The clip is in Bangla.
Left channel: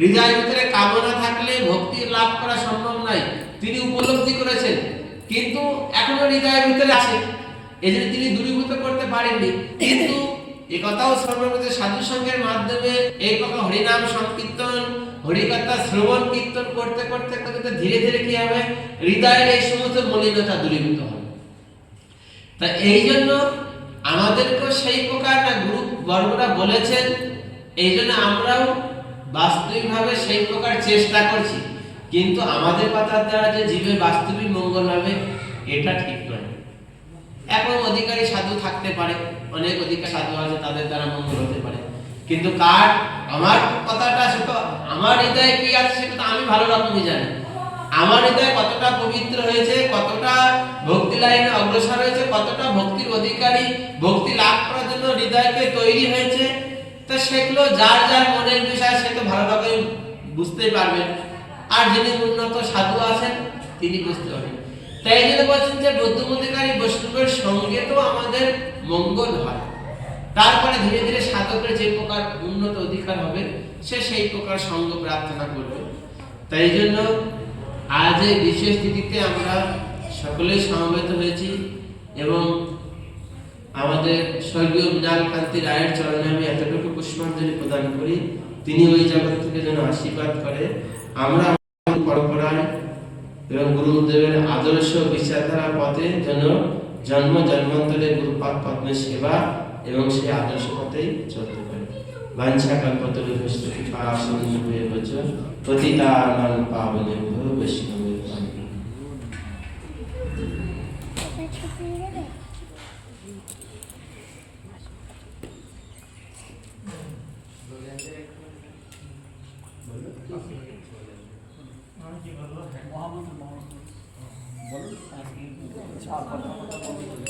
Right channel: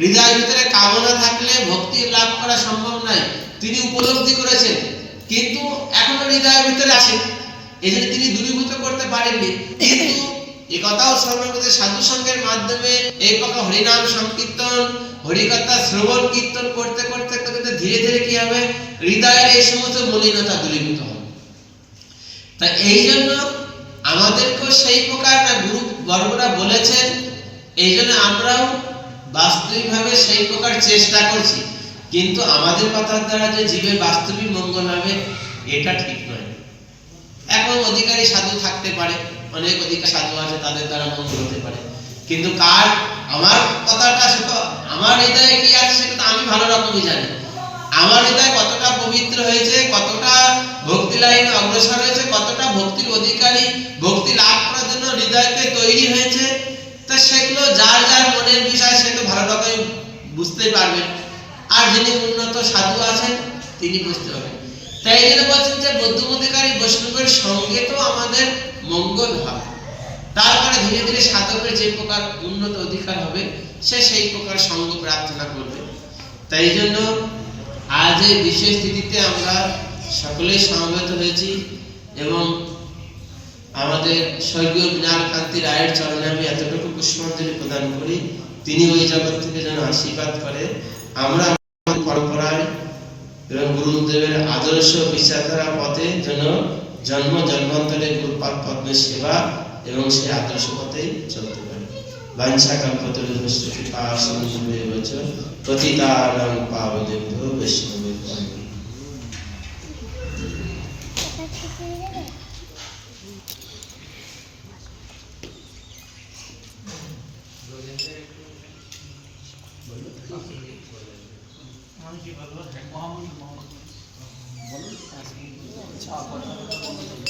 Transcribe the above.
হৃদয়ের ভিতরে কামনা থাকলে ভক্তি লাভ করা সম্ভব নয়, তিনি উপলব্ধি করেছেন, কিন্তু এখনো হৃদয়ের ভিতরে আছে, এজন্য তিনি দূরীভূত করতে পারেননি। কিন্তু এই কথাও সর্ববিধ সাধু সঙ্গের মাধ্যমে এই প্রকার হরিনাম সংকীর্তন, হরিকথা শ্রবণ কীর্তন করতে করতে করতে ধীরে ধীরে কি হবে, হৃদয়ের এই সমস্ত মলিনতা দূরীভূত হবে। তা এই জন্য আমাদেরকেও সেই প্রকার না গুরু বর্গরা বলেছেন, এই জন্য আমরাও বাস্তবিকভাবে সেই প্রকার চেষ্টা করছি। কিন্তু আমাদের কথার দ্বারা যে জীবের বাস্তবিক মঙ্গল হবে এটা ঠিক নয়। এখন অধিকারী সাধু থাকতে পারে, অনেক অধিকারী সাধু আছে, তাদের দ্বারা মঙ্গল হতে পারে, কিন্তু কার আমার কথাটা সে তো আমার হৃদয়ে কি আছে সেটা তো আমি ভালো রকমই জানি। আমার হৃদয় কতটা পবিত্র হয়েছে, কতটা ভক্তি লাইনে অগ্রসর হয়েছে, কতটা ভক্তির অধিকারী, ভক্তি লাভ করার জন্য হৃদয়কে তৈরি হয়েছে, তো সেগুলো যার যার মনের বিষয় সে তো ভালো রকম বুঝতেই পারবেন। আর যিনি উন্নত সাধু আছেন তিনি বুঝতে পারবেন। তাই এই জন্য বলছেন যে বৌদ্ধ অধিকারী বৈষ্ণবের সঙ্গে তো আমাদের মঙ্গল হয়, তারপরে ধীরে ধীরে সাধকের যে প্রকার উন্নত অধিকার হবে সে সেই প্রকার সঙ্গ প্রার্থনা করবে। তাই জন্য আজ এই বিশেষ তিথিতে আমরা সকলেই সমবেত হয়েছি এবং আমাদের স্বর্গীয় মৃণালকান্তি রায়ের চরণে আমি এতটুকু পুষ্পাঞ্জলি প্রদান করি, তিনি ওই জগৎ থেকে যেন আশীর্বাদ করে আমরা আমাদের পরম্পরায় এবং গুরুদেবের আদর্শ বিচারধারা পথে যেন জন্ম জন্মান্তরে গুরুপাদ পদ্মের সেবা এবং সেই আদর্শ পথেই চলতে পারে। বাঞ্ছা কল্পতরুভ্যশ্চ কৃপা সিন্ধুভ্যেব চ পতিতানাং পাবনেভ্যো বৈষ্ণবেভ্যো। বলুন